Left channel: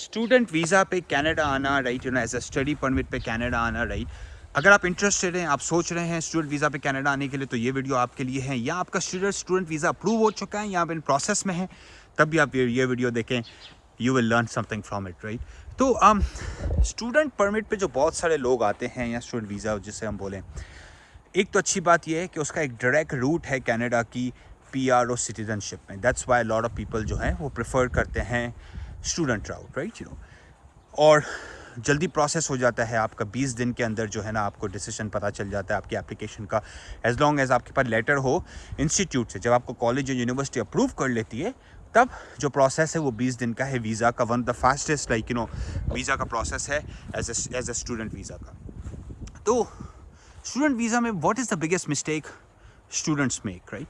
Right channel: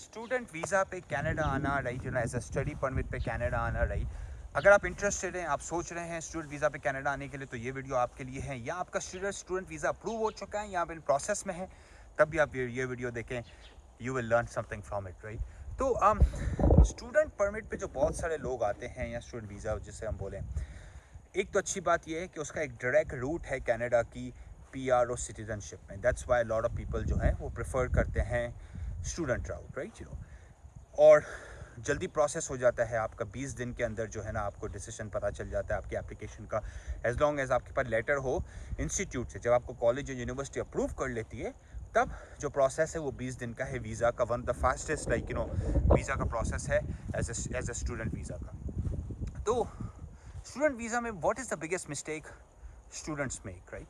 Student visa पे Canada आना, right, as a study permit पे कनाडा आना, राइट। अगर आप इंटरेस्टेड हैं, आप सोच रहे हैं स्टूडेंट वीज़ा पे कनाडा आने के लिए, तो ये वीडियो आपके लिए है। या आपका स्टूडेंट वीज़ा अप्रूव हो चुका है या आप इन प्रोसेस में है, तब भी आप ये वीडियो देखें, you will learn something from it, right. तो स्टूडेंट परमिट पे जो बहुत सारे लोग आते हैं, या स्टूडेंट वीज़ा जिसे हम बोलें, एक तो अच्छी बात यह है कि उसका एक डायरेक्ट रूट है कनाडा की पीआर और सिटीजनशिप में। That's why lot of people जो है वो प्रेफर करते हैं स्टूडेंट राउट, राइट, और जल्दी प्रोसेस हो जाता है आपका। 20 दिन के अंदर जो है ना आपको डिसीजन पता चल जाता है आपकी एप्लीकेशन का, एज लॉन्ग एज आपके पास लेटर हो इंस्टीट्यूट से। जब आपको कॉलेज या यूनिवर्सिटी अप्रूव कर लेती है, तब जो प्रोसेस है वो 20 दिन का है वीज़ा का। One of the fastest visa का प्रोसेस है एज ए स्टूडेंट वीज़ा का। तो स्टूडेंट वीज़ा में what is the biggest mistake students make, right.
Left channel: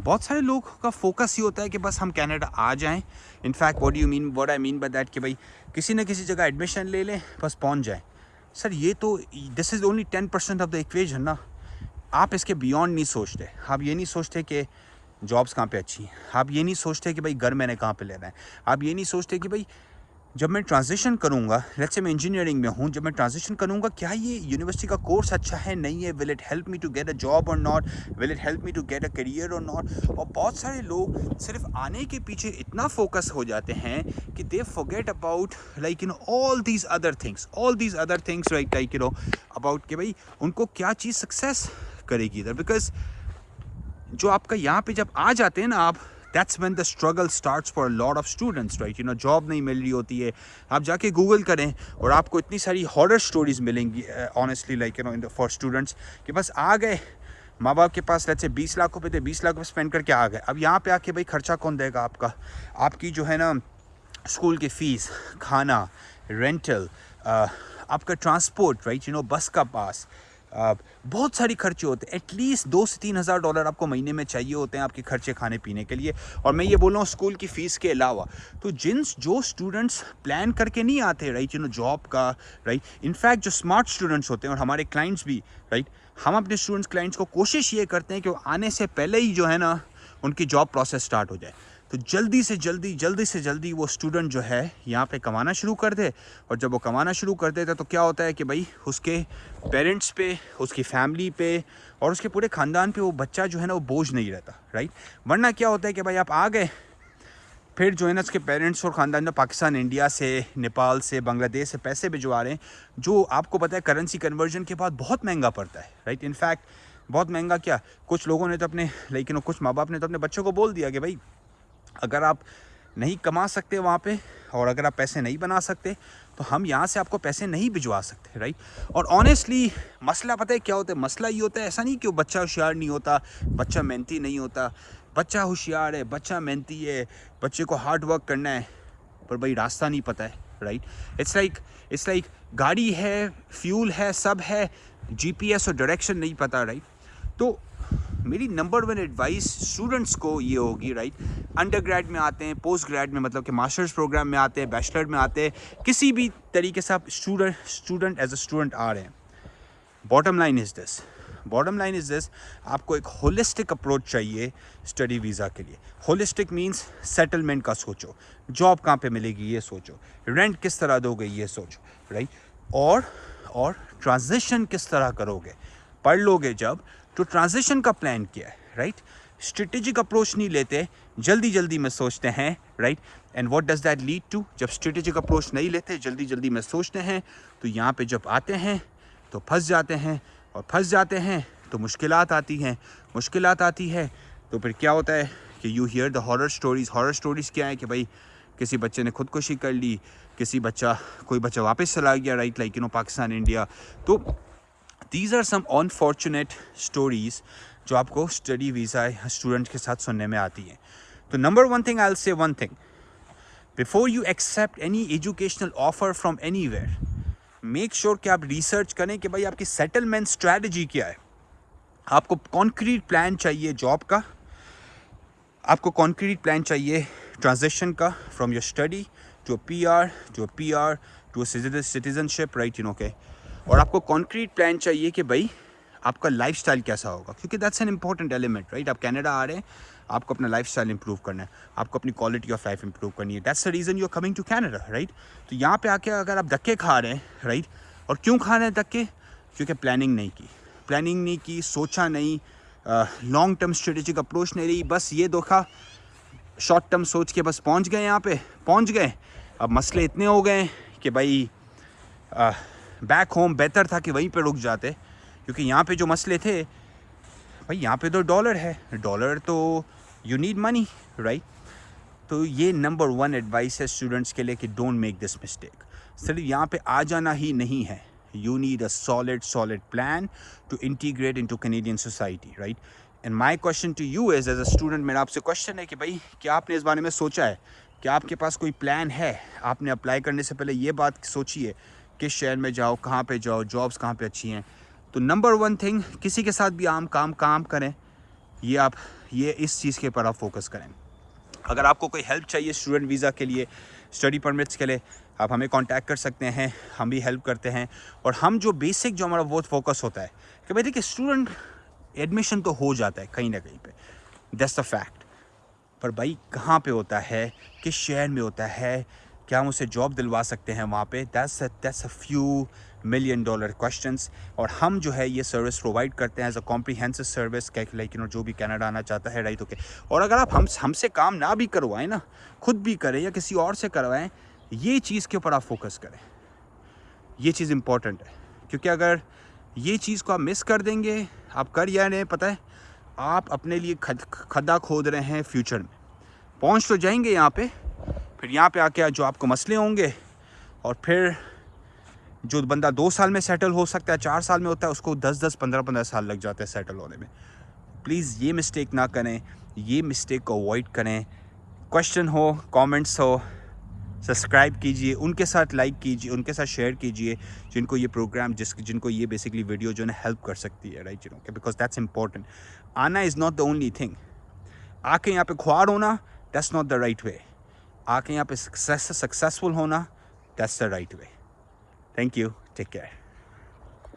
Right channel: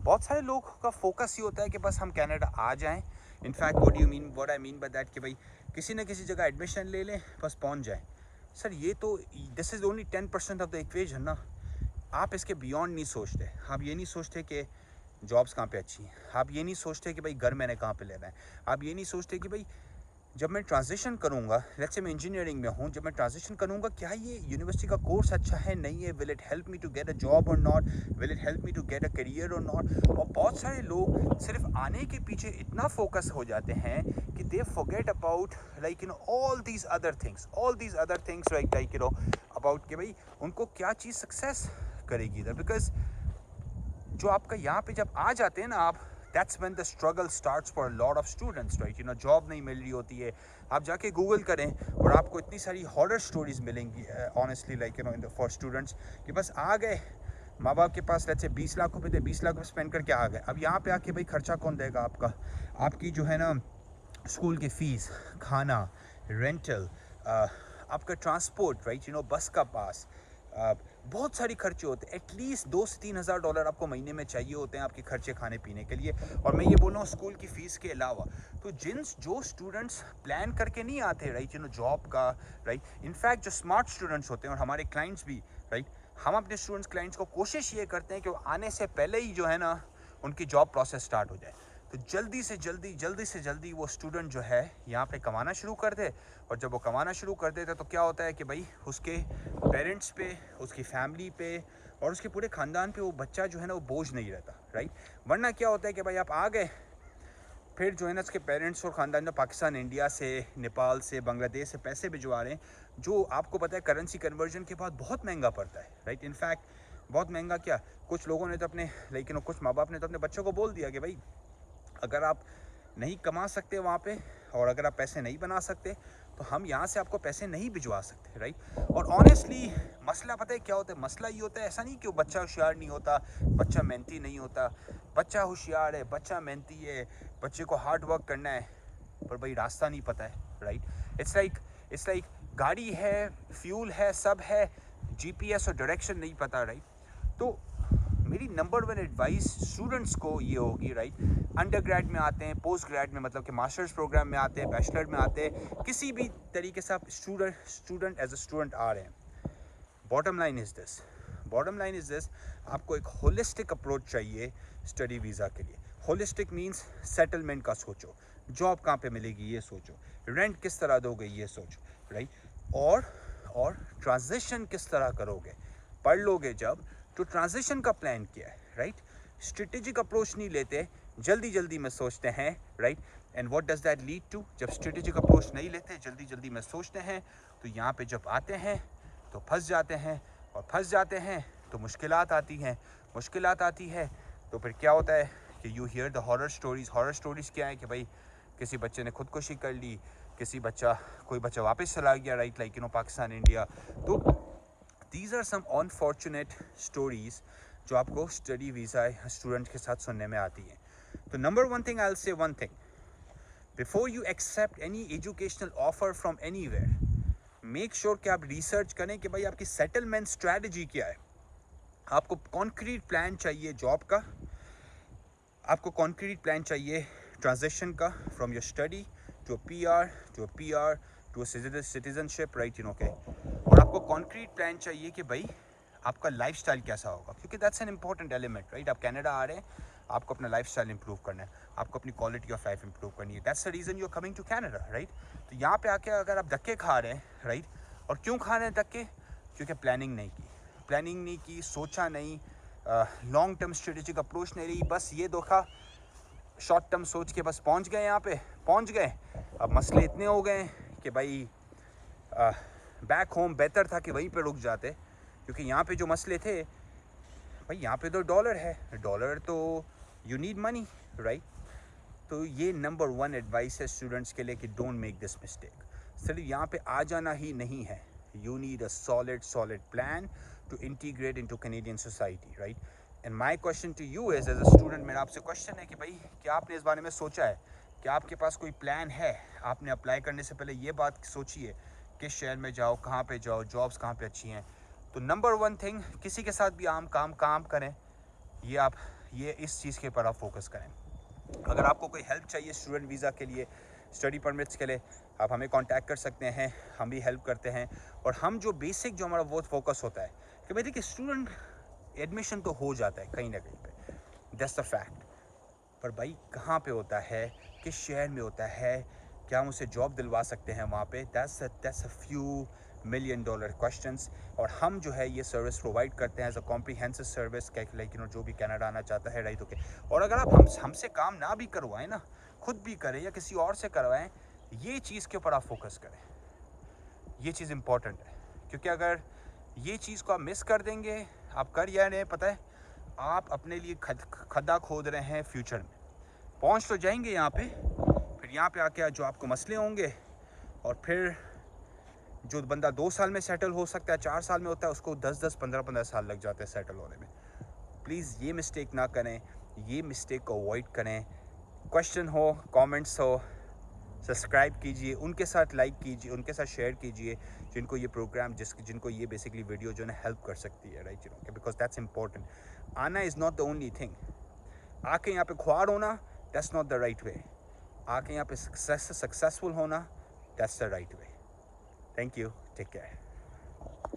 बहुत सारे लोग का फोकस ये होता है कि बस हम कनाडा आ जाएं। In fact what I mean by that कि भाई किसी न किसी जगह एडमिशन ले लें, बस पहुंच जाएं। सर ये तो this is only 10% of the equation ना। आप इसके बियॉन्ड नहीं सोचते। आप ये नहीं सोचते कि जॉब्स कहाँ पे अच्छी हैं। आप ये नहीं सोचते कि भाई घर मैंने कहाँ पे लेना है। आप ये नहीं सोचते कि भाई जब मैं ट्रांजिशन करूँगा, लेट्स से मैं इंजीनियरिंग में हूँ, जब मैं ट्रांजिशन करूँगा, क्या ये यूनिवर्सिटी का कोर्स अच्छा है, नहीं है, will it help me to get a job or not, will it help me to get a career or not. और बहुत सारे लोग सिर्फ आने के पीछे इतना फोकस हो जाते हैं कि they forget about all these other things about कि भाई उनको क्या चीज़ सक्सेस करेगी इधर। बिकॉज जो आपका यहाँ पे जब आ जाते हैं ना आप, that's when the struggle starts for a lot of students, right. Job नहीं मिल रही होती है। आप जाके गूगल करें और आपको इतनी सारी हॉरर स्टोरीज मिलेंगी ऑनेस्टली, फॉर स्टूडेंट्स कि बस आ गए, माँ बाप के पास रहते 20 लाख रुपए थे, 20 लाख रुपये स्पेंड करके आ गए। अब यहाँ पे आके भाई खर्चा कौन देगा आपका? आपकी जो है ना स्कूल की फ़ीस, खाना, रेंटल, आपका ट्रांसपोर्ट, राइट, बस का पास, बहुत सारी खर्चे होते हैं। एटलीस्ट $2,000 से $3,000 आपको महीने में चाहिए होते हैं आपके खर्चे खाने पीने के लिए। और मैं ये बोल रहा हूँ स्कूल की फ़ीस के अलावा। तो जो स्टूडेंट्स प्लान करके नहीं आते, राइट, जॉब का, राइट, इनफैक्ट जो स्मार्ट स्टूडेंट्स होते हैं और हमारे क्लाइंट्स भी, राइट, हम अपने क्लाइंट्स को कोशिश ये करते हैं कि वो आने से पहले ही जो है ना उनकी जॉब प्रोसेस स्टार्ट हो जाए। तो जल्दी से जल्दी वो स्टूडेंट जो है यहाँ पे कमाना शुरू कर दे। और जब वो कमाना शुरू कर देते तो क्या होता है कि भाई उसके पेरेंट्स पे, उसकी फैमिली पे और उसके पूरे ख़ानदान पे वो बच्चा जो है ना वो बोझ नहीं रहता, राइट। वरना क्या होता है कि भाई आप आ गए, फिर जो है ना उसके पेरेंट्स और ख़ानदान में पाकिस्तान, इंडिया से, नेपाल से, बांग्लादेश से पैसे भिजवा रहे हैं, जो आपको पता है करेंसी कन्वर्जन के बाद बहुत महंगा पड़ता है, राइट। इनफैक्ट बहुत महंगा क्या, कुछ लोगों ने तो अपने कुछ माँ बाप ने तो अपने बच्चों को बोल दिया कि भाई अगर आप नहीं कमा सकते वहाँ पे और अगर आप पैसे नहीं बना सकते तो हम यहाँ से आपको पैसे नहीं भिजवा सकते, राइट। और ऑनेस्टली मसला पता है क्या होता है? मसला ये होता है, ऐसा नहीं कि वो बच्चा होशियार नहीं होता, बच्चा मेहनती नहीं होता। बच्चा होशियार है, बच्चा मेहनती है, बच्चे को हार्ड वर्क करना है, पर भाई रास्ता नहीं पता है, राइट। इट्स लाइक गाड़ी है, फ्यूल है, सब है, जीपीएस और डायरेक्शन नहीं पता, राइट। तो मेरी नंबर 1 एडवाइस स्टूडेंट्स को ये होगी, राइट, अंडर ग्रेड में आते हैं, पोस्ट ग्रेड में मतलब कि मास्टर्स प्रोग्राम में आते हैं, बैचलर में आते हैं, किसी भी तरीके से आप स्टूडेंट एज अ स्टूडेंट आ रहे हैं। बॉटम लाइन इज़ दिस, आपको एक होलिस्टिक अप्रोच चाहिए स्टडी वीज़ा के लिए। होलिस्टिक मीन्स सेटलमेंट का सोचो, जॉब कहाँ पे मिलेगी ये सोचो, रेंट किस तरह दोगे ये सोचो, राइट। और ट्रांजिशन किस तरह करोगे, पढ़ लोगे जब, तो ट्रांजिशन का प्लान किया है, राइट। स्ट्रेटेजिक अप्रोच नहीं लेते, जल्दी में सोचते हैं, right. And what does that lead to? जब स्ट्रेटेजिक अप्रोच नहीं लेते, जल्दी में सोचते हैं, तो यहाँ पे जब आते हैं तो फंस जाते हैं, और फंस जाते हैं तो मुश्किलात आती है। तो फिर क्या होता है कि you here the horror stories क्या है कि भाई किसी बच्चे ने खुदकुशी कर ली, कोई बच्चा वापस चला गया, राइट, पाकिस्तान, इंडिया। तो these are some unfortunate stories जो आपको स्टडी वीज़ा स्टूडेंट के साथ सुनने में आती हैं। तो number 1 thing, I will say 1 thing, before you accept any educational offer from anywhere, make sure कि आप रिसर्च करें कि भाई आपकी सेटलमेंट स्ट्रैटेजी क्या है। आपको कॉन्क्रीट प्लान चाहिए जॉब का, आपको कॉन्क्रीट प्लान चाहिए ट्रांजिशन का, from your study to PR to citizenship, right, okay. और आपको कॉन्क्रीट प्लान चाहिए कि भाई आपका लाइफस्टाइल कैसा होगा, क्योंकि that's an important element, right. आप कनाडा आ रहे हैं, आपको अपना लाइफस्टाइल इंप्रूव करना है, आपको अपनी क्वालिटी ऑफ लाइफ इंप्रूव करनी है। That's the reason you are coming to Canada, right. तो यहाँ पे आके अगर आप धक्के खा रहे हैं, राइट, और क्यों खा रहे हैं धक्के? क्योंकि प्लानिंग नहीं की, सोचा नहीं, लॉन्ग टर्म स्ट्रेटेजिक अप्रोच नहीं रही, बस ये धोखा शॉर्ट टर्म सोच के बस पहुँच गए, यहाँ पे पहुँच गए। अब मसले इतने हो गए कि भाई बैक होम बेहतर था कि वहीं पे रुक जाते, क्योंकि यहाँ पे जो मसले थे भाई, यहाँ पे तो डॉलर है, डॉलर तो यू नीड मनी, राइट। तो ये नंबर 1 एडवाइस है स्टूडेंट्स के लिए कि डोंट मेक दिस मिस्टेक। सिर्फ यहाँ पे आ जाना ही नहीं है, you need a solid plan to integrate into Canadian society, right. And my question to you as a student, मेरा आपसे क्वेश्चन है कि भाई क्या आपने इस बारे में सोचा है? क्या आपके पास कोई प्लान है? आपने अप्लाई करने से पहले ये बात सोचिए किस शहर में जाओ, कहाँ पे जाओ, जॉब्स कहाँ पे अच्छी हैं। तो नंबर 1 थिंग, किसी के साथ भी काम करें, ये इस चीज़ के ऊपर आप फोकस करें। अगर आपको कोई हेल्प चाहिए स्टूडेंट वीज़ा के लिए, स्टडी परमिट्स के लिए, आप हमें कांटेक्ट कर सकते हैं, हम भी हेल्प करते हैं। और हम जो बेसिक जो हमारा वो फोकस होता है कि भाई देखिए, स्टूडेंट एडमिशन तो हो जाता है कहीं ना कहीं पे, दैट्स द फैक्ट, पर भाई कहाँ पे होता है, किस शहर में होता है, क्या हम उसे जॉब दिलवा सकते हैं वहाँ पे, that's a few $1 million questions. और हम जो है ये सर्विस प्रोवाइड करते हैं as a comprehensive service, like जो भी कनाडा आना चाहता है, राइट, ओके। और अगर आप हमसे काम ना भी करवाएं ना, खुद भी करें या किसी और से करवाएं, ये चीज़ के ऊपर आप फोकस करें, ये चीज़ इंपॉर्टेंट है। क्योंकि अगर ये चीज़ को आप मिस कर देंगे, आप कर या नहीं पता है, आप अपने लिए खड्डा खोद रहे हैं फ्यूचर में। पहुंच तो जाएंगे यहाँ पे, फिर यहाँ पे आके जो आपको मसले होंगे, और फिर जो बंदा 2 साल में सेटल हो सकता है, 4 साल में होता है, उसको 10-10, 15-15 साल लग जाते हैं सेटल होने में। प्लीज़ ये मिस्टेक ना करें, ये मिस्टेक को अवॉइड करें। क्वेश्चन हो, कमेंट्स हो, सब्सक्राइब कीजिए, उनके साथ लाइक कीजिए, उनके साथ शेयर कीजिए जिनको ये प्रोग्राम, जिनको ये बेसिकली वीडियो जो है हेल्प कर सकती है, राइट, बिकॉज दैट्स इंपॉर्टेंट। आना is not the only thing. आके यहाँ पे ख्वार होना, that's not the right way. आके यहाँ पे सक्सेसफुल होना, that's the right way. Thank you, take care.